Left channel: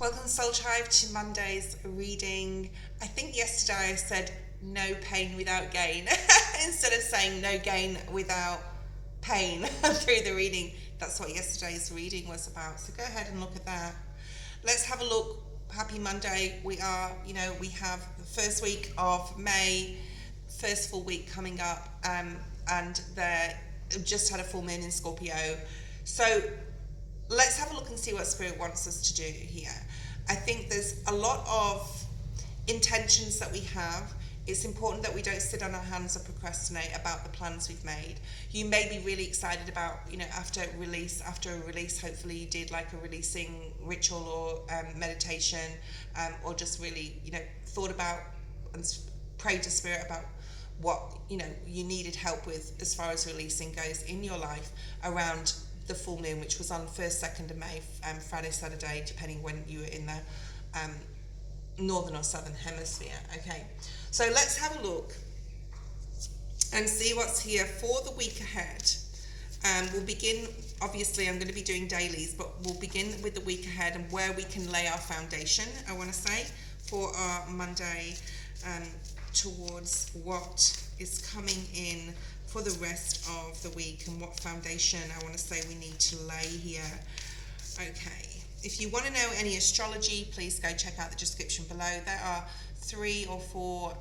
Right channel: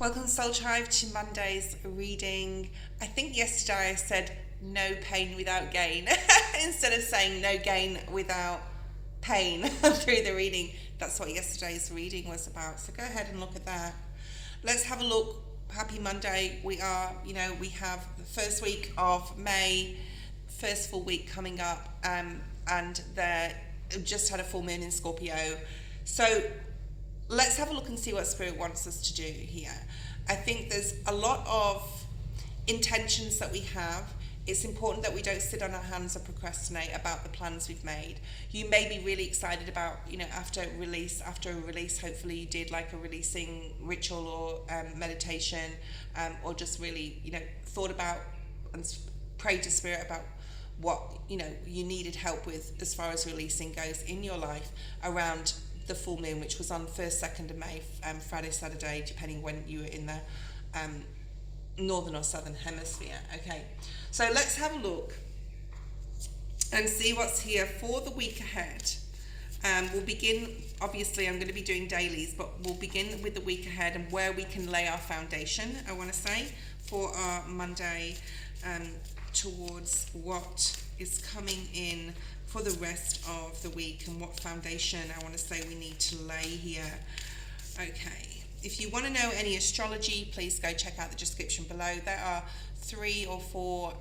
Welcome Soul Tribe to Monday's reading. I think yesterday I said no pain without gain instead of saying no gain without pain through the reading. That's what yesterday's reading was about. So go ahead and look at that. Let's have a look. Happy Monday. We have the first week of May, first full week coming up, and they just had a full moon in Scorpio. So let's have a look and see what Spirit wants us to do here. I think there's a lot of intentions that we have. It's important that we don't sit on our hands or procrastinate about the plans we've made. You may be really excited about, after a release, hopefully you did like a releasing ritual or meditation, or just really, thought about and prayed to Spirit about what, you needed help with as far as releasing goes in your life around the full moon, which was on 1st, 2nd of May, Friday, Saturday, depending when you were in the northern or southern hemisphere. Okay, so let's have a look and see what's here for the week ahead. We'll begin, obviously I'm going to be doing dailies, but we'll begin with the week ahead and where we can lay our foundation, I want to say, for our Monday, towards what is coming in for the rest of the week and what foundation I want to say we need to lay here. Okay, if you want to know any astrology, please go check out the description below. There are 3 or 4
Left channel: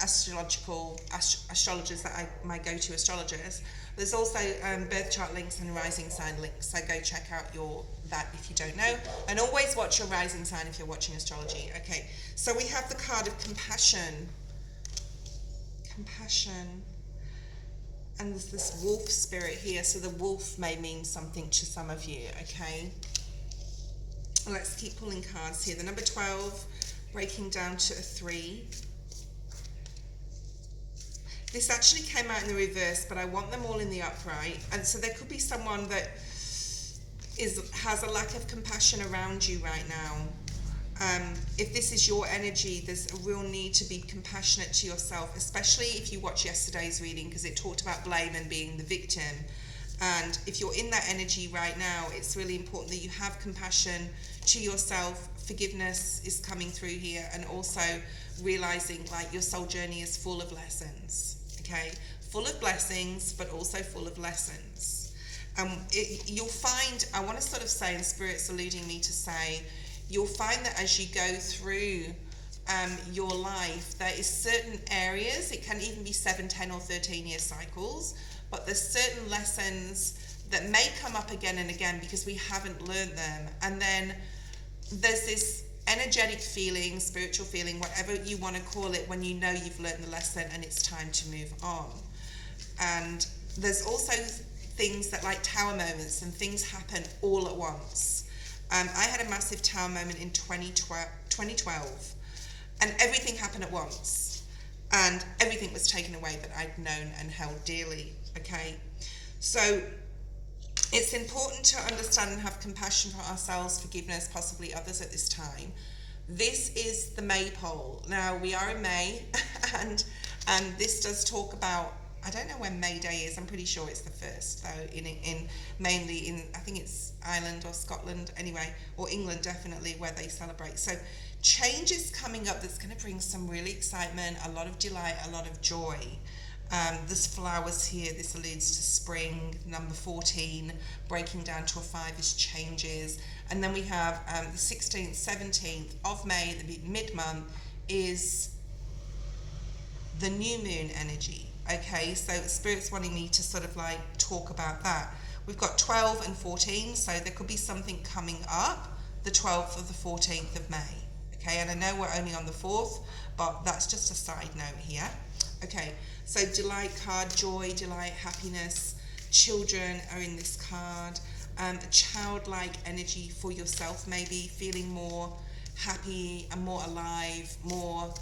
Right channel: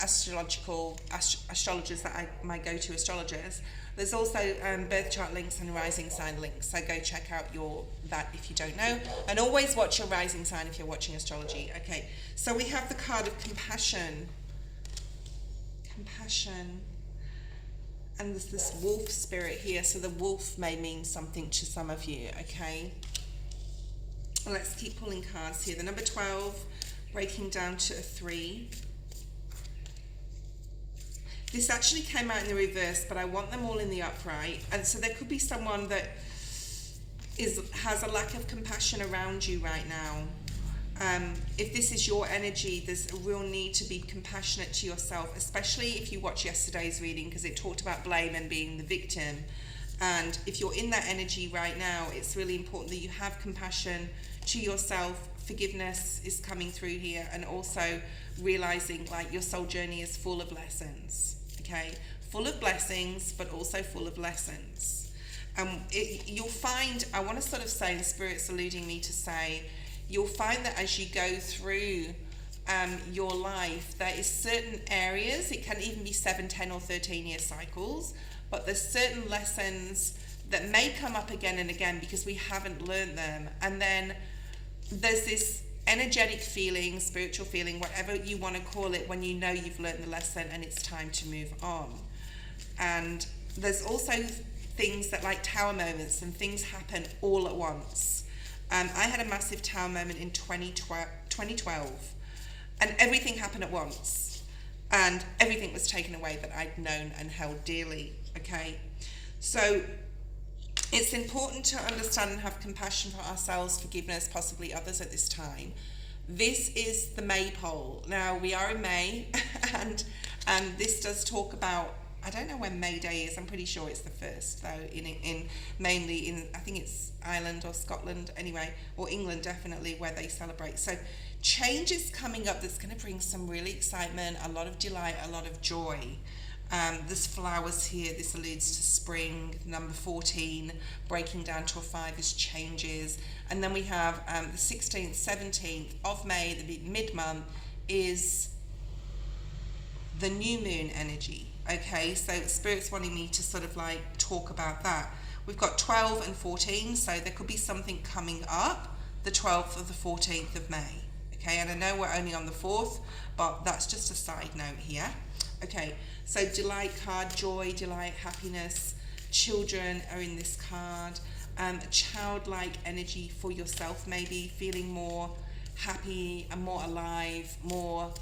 astrologers that are my go-to astrologers. There's also birth chart links and rising sign links, so go check out that if you don't know, and always watch your rising sign if you're watching astrology. Okay, so we have the card of compassion, and there's this wolf spirit here, so the wolf may mean something to some of you. Okay, let's keep pulling cards here. The number 12 breaking down to a 3. This actually came out in the reverse, but I want them all in the upright. And so there could be someone that has a lack of compassion around you right now. If this is your energy, there's a real need to be compassionate to yourself, especially if you watch yesterday's reading, because it talked about blame and being the victim. And if you're in that energy right now, it's really important that you have compassion to yourself. Forgiveness is coming through here, and also realizing like your soul journey is full of lessons. Okay, full of blessings, but also full of lessons. You'll find, I want to sort of say, and Spirit's alluding me to say, you'll find that as you go through your life, there is certain areas, it can even be 7, 10 or 13 year cycles, but there's certain lessons that may come up again and again because we haven't learned them. And then there's this energetic feeling, spiritual feeling, whatever you want to call it, when you know you've learned the lesson and it's time to move on. And there's also things that like tower moments, and things happen all at once. I had a massive tower moment in 2012, and everything happened at once, and everything was taken away that I'd known and held dearly. Okay, so it's important to understand and have compassion for ourselves, forgiveness, possibly others at this time. This is the Maypole. Now, we are in May, and this does talk about, I don't know when May Day is, I'm pretty sure it's the 1st, though, mainly in, I think it's Ireland or Scotland, anyway, or England, definitely, where they celebrate. So change is coming up that's going to bring some really excitement, a lot of delight, a lot of joy. There's flowers here. This alludes to spring. Number 14 breaking down to a 5 is changes. And then we have the 16th, 17th of May, the mid-month, is the new moon energy. Okay, so Spirit's wanting me to sort of like talk about that. We've got 12 and 14, so there could be something coming up the 12th or the 14th of May. Okay, and I know we're only on the 4th, but that's just a side note here. Okay, so delight card, joy, delight, happiness. Children are in this card. A childlike energy for yourself, maybe feeling more happy and more alive, more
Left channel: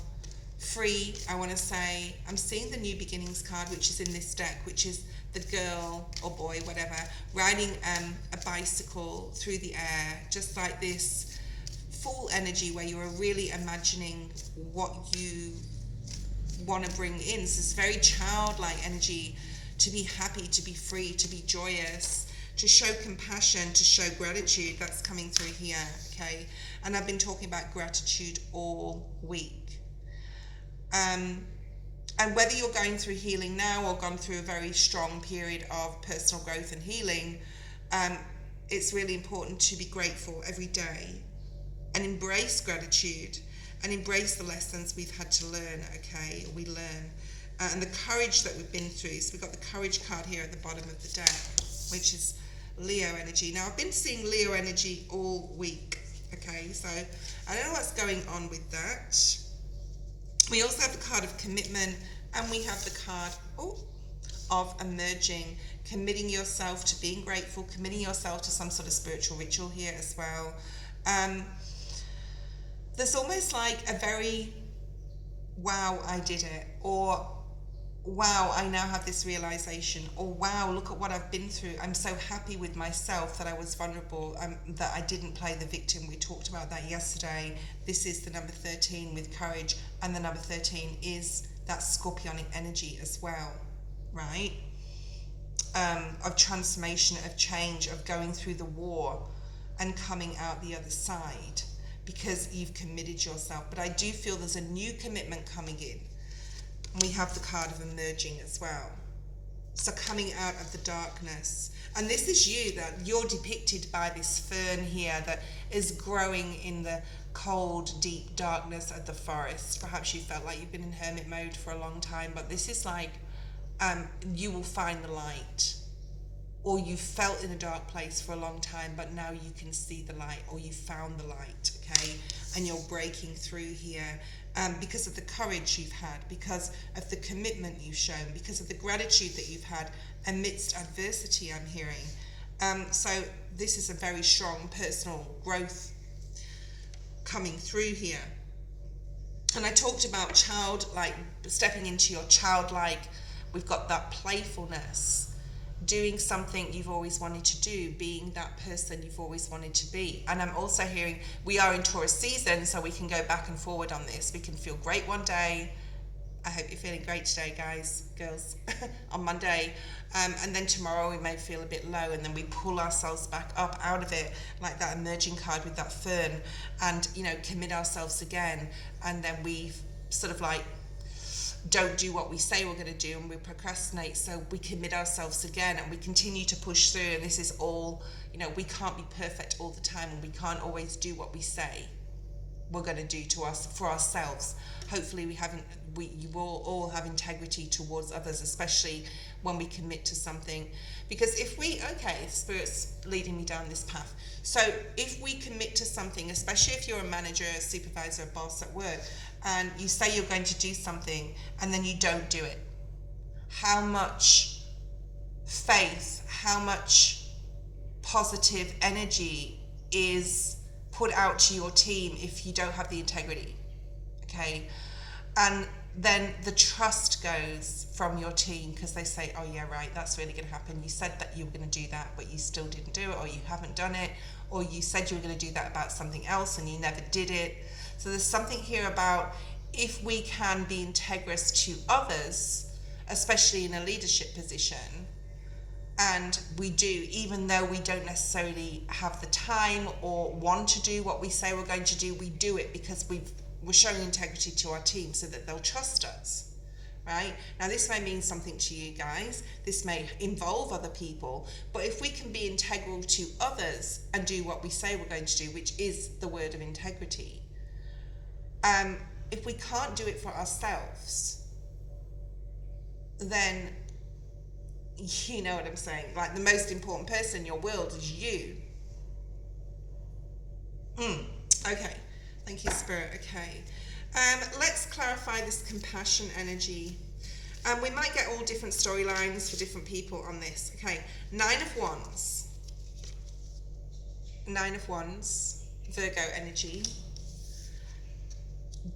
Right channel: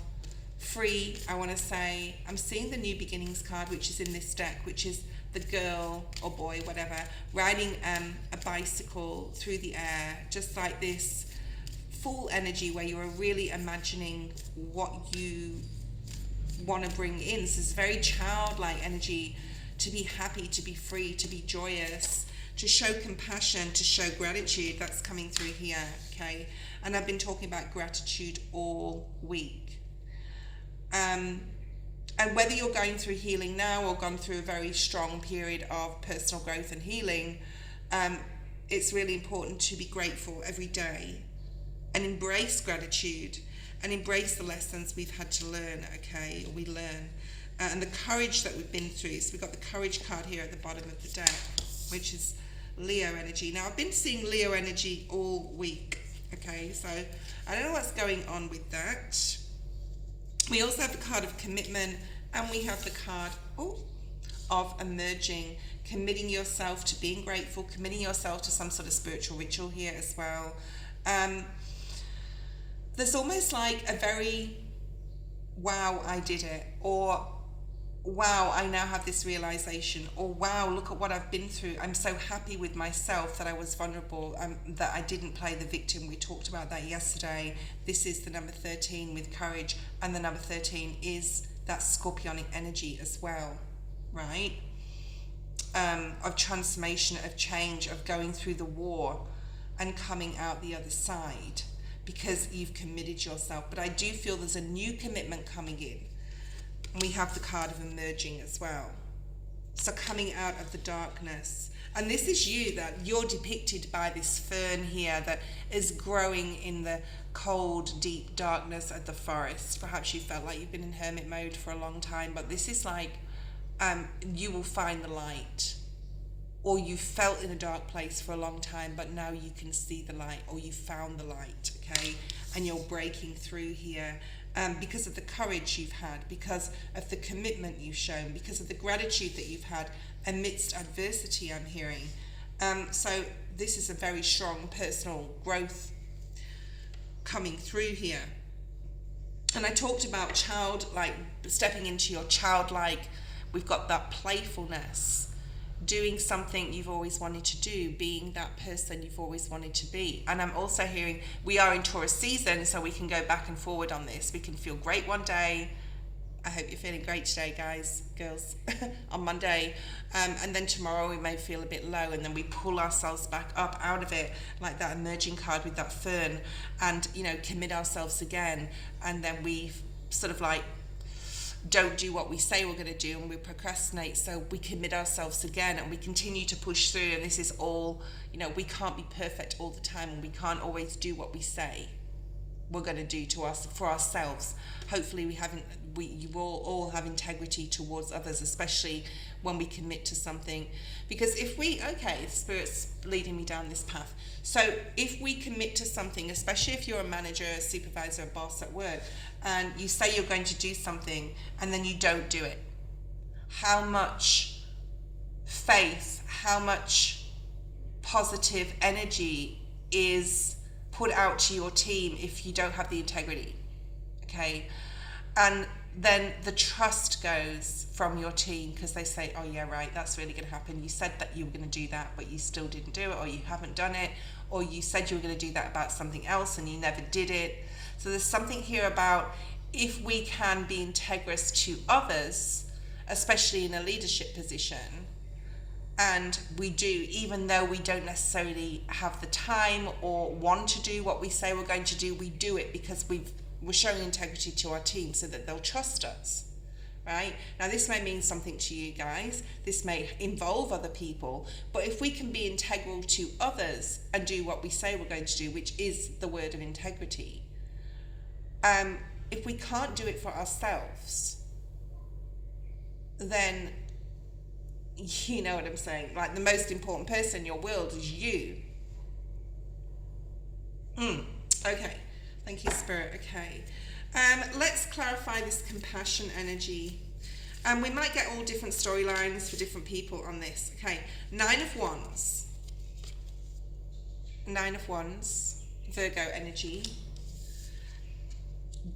free, I want to say. I'm seeing the new beginnings card, which is in this deck, which is the girl or boy, whatever, riding a bicycle through the air, just like this full energy where you're really imagining what you want to bring in. So it's very childlike energy, to be happy, to be free, to be joyous, to show compassion, to show gratitude. That's coming through here. okay? And I've been talking about gratitude all week. And whether you're going through healing now or gone through a very strong period of personal growth and healing, it's really important to be grateful every day and embrace gratitude and embrace the lessons we've had to learn, okay? We learn. And the courage that we've been through. So we've got the courage card here at the bottom of the deck, which is Leo energy. Now, I've been seeing Leo energy all week, okay? So I don't know what's going on with that. We also have the card of commitment, and we have the card of emerging, committing yourself to being grateful, committing yourself to some sort of spiritual ritual here as well. There's almost like a very, wow, I did it, or wow, I now have this realization, or wow, look at what I've been through. I'm so happy with myself that I was vulnerable, that I didn't play the victim. We talked about that yesterday. This is the number 13 with courage, and the number 13 is that scorpionic energy as well, right? Of transformation, of change, of going through the war and coming out the other side because you've committed yourself. But I do feel there's a new commitment coming in. We have the card of emerging as well. So coming out of the darkness. And this is you, that you're depicted by this fern here that is growing in the cold, deep darkness of the forest. Perhaps you felt like you've been in hermit mode for a long time, but this is like you will find the light. Or you felt in a dark place for a long time, but now you can see the light, or you found the light, okay? And you're breaking through here. Because of the courage you've had, because of the commitment you've shown, because of the gratitude that you've had amidst adversity, I'm hearing. So this is a very strong personal growth coming through here. And I talked about stepping into your childlike, we've got that playfulness, doing something you've always wanted to do, being that person you've always wanted to be. And I'm also hearing we are in Taurus season, so we can go back and forward on this. We can feel great one day. I hope you're feeling great today, guys, girls, on Monday. And then tomorrow we may feel a bit low, and then we pull ourselves back up out of it, like that emerging card with that fern, and, commit ourselves again. And then we sort of like don't do what we say we're going to do, and we procrastinate, so we commit ourselves again and we continue to push through. And this is all, we can't be perfect all the time, and we can't always do what we say we're going to do to us for ourselves. Hopefully you will all have integrity towards others, especially when we commit to something. Because Spirit's leading me down this path. So if we commit to something, especially if you're a manager, a supervisor, a boss at work, and you say you're going to do something and then you don't do it, how much faith, how much positive energy is put out to your team if you don't have the integrity, okay? And then the trust goes from your team, because they say, oh yeah, right, that's really going to happen. You said that you were going to do that, but you still didn't do it, or you haven't done it, or you said you were going to do that about something else and you never did it. So there's something here about if we can be integrous to others, especially in a leadership position, and we do, even though we don't necessarily have the time or want to do what we say we're going to do, we do it because we're showing integrity to our team so that they'll trust us, right? Now, this may mean something to you guys. This may involve other people. But if we can be integral to others and do what we say we're going to do, which is the word of integrity, if we can't do it for ourselves, then you know what I'm saying. Like, the most important person in your world is you. Okay. Thank you, Spirit. Okay. Let's clarify this compassion energy. We might get all different storylines for different people on this. Okay. 9 of Wands. 9 of Wands. Virgo energy.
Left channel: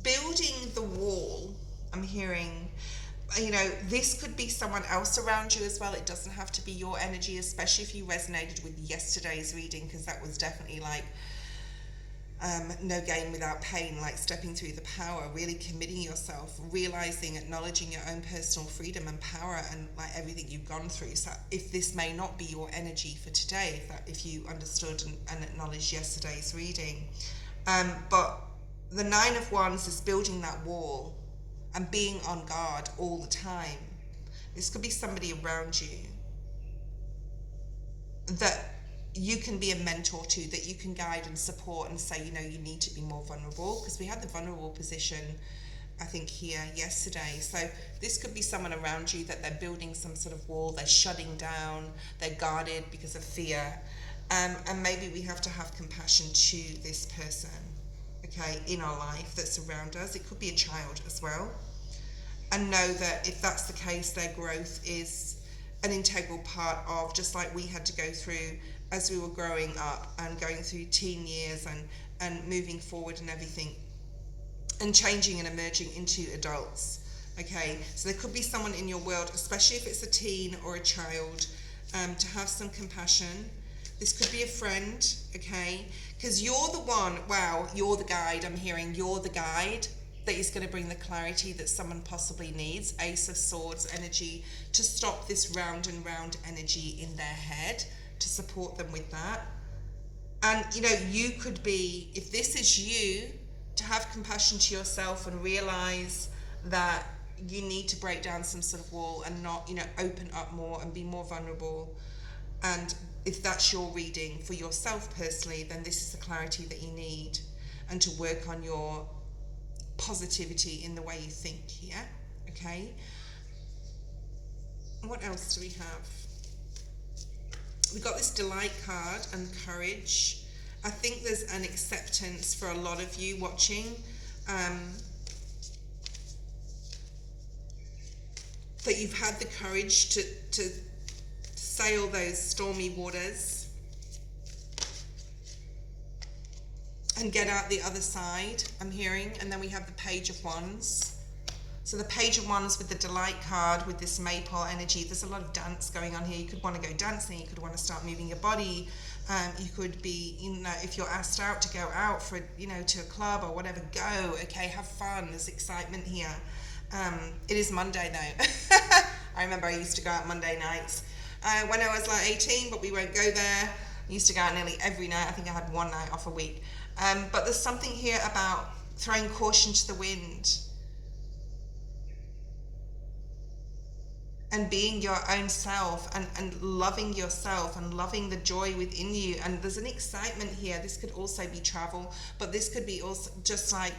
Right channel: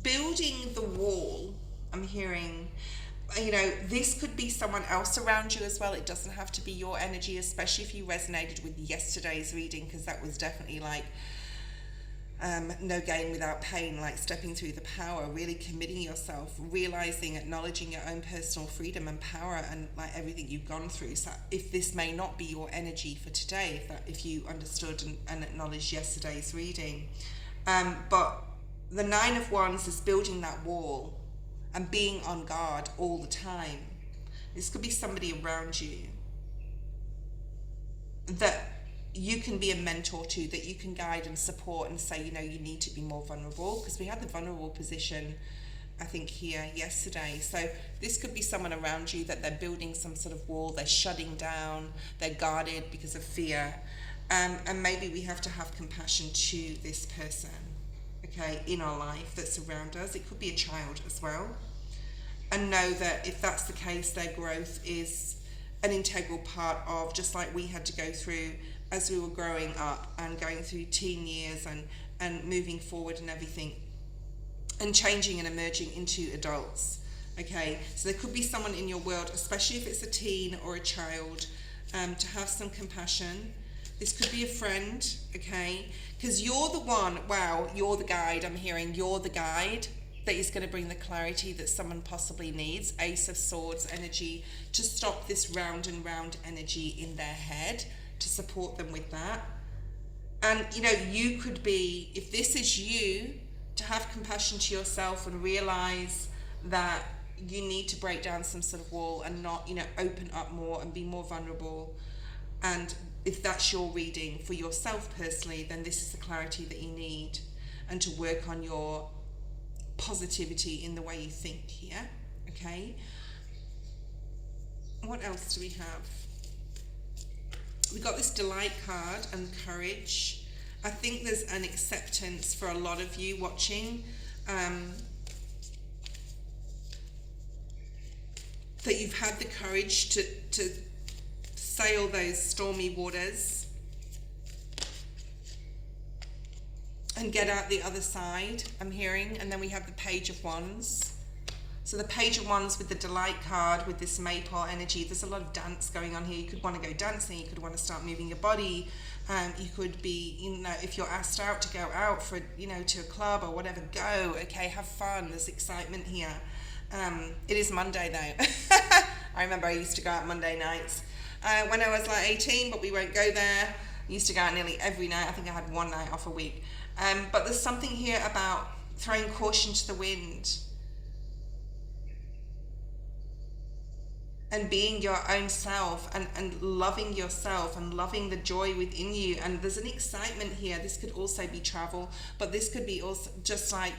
Building the wall. I'm hearing, this could be someone else around you as well. It doesn't have to be your energy, especially if you resonated with yesterday's reading, because that was definitely like no gain without pain, like stepping through the power, really committing yourself, realizing, acknowledging your own personal freedom and power, and like everything you've gone through. So if this may not be your energy for today, if you understood and acknowledged yesterday's reading, but the Nine of Wands is building that wall and being on guard all the time. This could be somebody around you that you can be a mentor to, that you can guide and support and say, you know, you need to be more vulnerable, because we had the vulnerable position, I think, here yesterday. So this could be someone around you that they're building some sort of wall, they're shutting down, they're guarded because of fear. And maybe we have to have compassion to this person, okay, in our life that's around us. It could be a child as well. And know that if that's the case, their growth is an integral part of, just like we had to go through as we were growing up and going through teen years and moving forward and everything, and changing and emerging into adults. Okay, so there could be someone in your world, especially if it's a teen or a child, to have some compassion. This could be a friend, okay, because you're the one, wow, you're the guide. I'm hearing you're the guide that is going to bring the clarity that someone possibly needs. Ace of Swords energy, to stop this round and round energy in their head, to support them with that. And you know, you could be, if this is you, to have compassion to yourself and realize that you need to break down some sort of wall and not, you know, open up more and be more vulnerable. And if that's your reading for yourself personally, then this is the clarity that you need, and to work on your positivity in the way you think here. Okay, what else do we have? We got this delight card and courage. I think there's an acceptance for a lot of you watching, that you've had the courage to sail those stormy waters and get out the other side, I'm hearing. And then we have the Page of Wands. So the Page of Wands with the delight card, with this maypole energy, there's a lot of dance going on here. You could want to go dancing, you could want to start moving your body, you could be, you know, if you're asked out to go out for, you know, to a club or whatever, go, okay, have fun, there's excitement here. It is Monday though. I remember I used to go out Monday nights when I was like 18, but we won't go there. I used to go out nearly every night. I think I had one night off a week. But there's something here about throwing caution to the wind and being your own self, and loving yourself and loving the joy within you. And there's an excitement here. This could also be travel, but this could be also just like,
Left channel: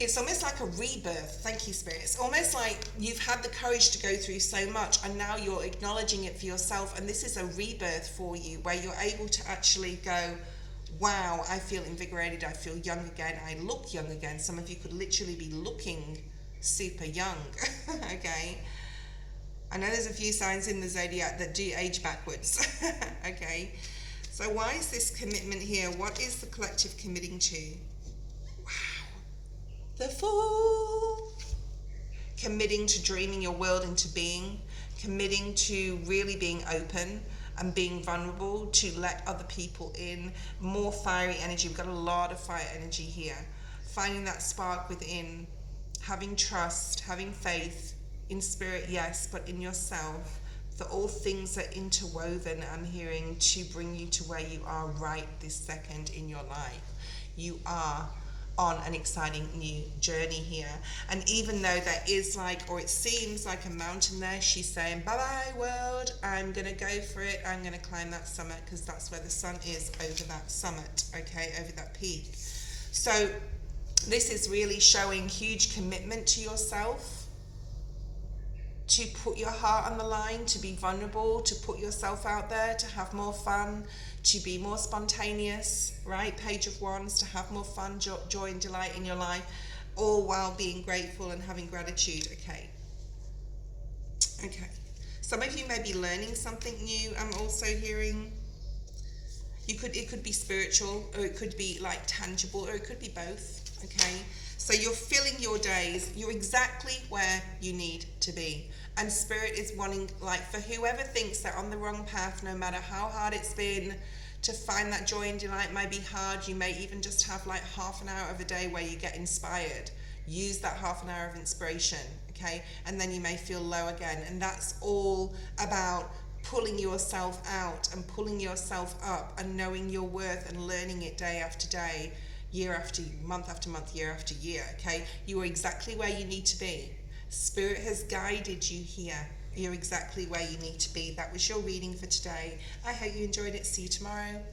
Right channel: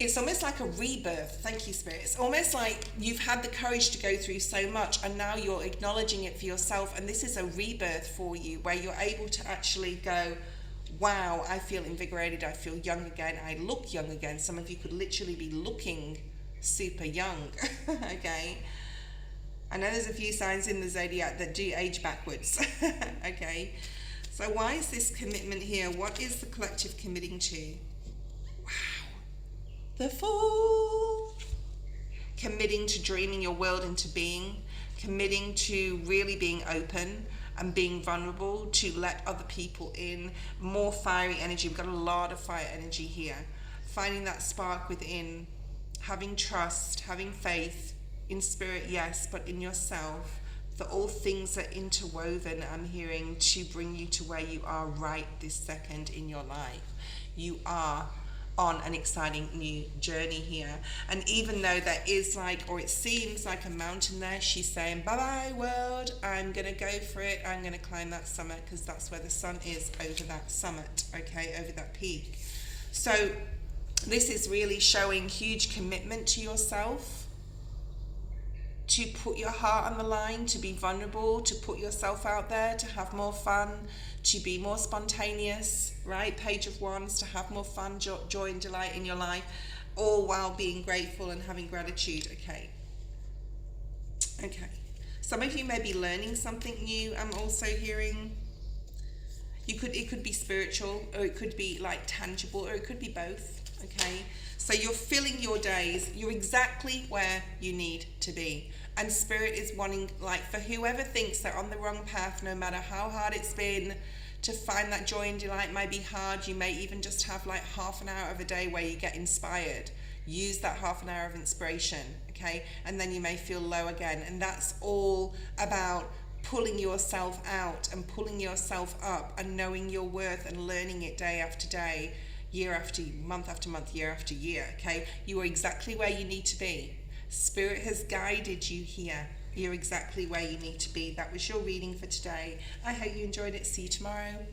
it's almost like a rebirth. Thank you, Spirit. It's almost like you've had the courage to go through so much, and now you're acknowledging it for yourself, and this is a rebirth for you, where you're able to actually go, wow, I feel invigorated, I feel young again, I look young again. Some of you could literally be looking super young. Okay, I know there's a few signs in the zodiac that do age backwards. Okay, so why is this commitment here? What is the collective committing to? Wow, the Fool. Committing to dreaming your world into being, committing to really being open and being vulnerable, to let other people in. More fiery energy. We've got a lot of fire energy here. Finding that spark within, having trust, having faith in spirit, yes, but in yourself. For all things are interwoven, I'm hearing, to bring you to where you are right this second in your life. You are on an exciting new journey here. And even though there is like, or it seems like a mountain there, she's saying, bye-bye world, I'm gonna go for it, I'm gonna climb that summit, because that's where the sun is, over that summit, okay, over that peak. So this is really showing huge commitment to yourself, to put your heart on the line, to be vulnerable, to put yourself out there, to have more fun, to be more spontaneous, right? Page of Wands, to have more fun, joy and delight in your life, all while being grateful and having gratitude. Okay. Some of you may be learning something new. I'm also hearing, it could be spiritual, or it could be like tangible, or it could be both. Okay, so you're filling your days, you're exactly where you need to be. And Spirit is wanting, like, for whoever thinks they're on the wrong path, no matter how hard it's been, to find that joy and delight might be hard. You may even just have like half an hour of a day where you get inspired. Use that half an hour of inspiration, okay? And then you may feel low again. And that's all about pulling yourself out and pulling yourself up and knowing your worth and learning it day after day, year after month after month, year after year, okay? You are exactly where you need to be. Spirit has guided you here. You're exactly where you need to be. That was your reading for today. I hope you enjoyed it. See you tomorrow.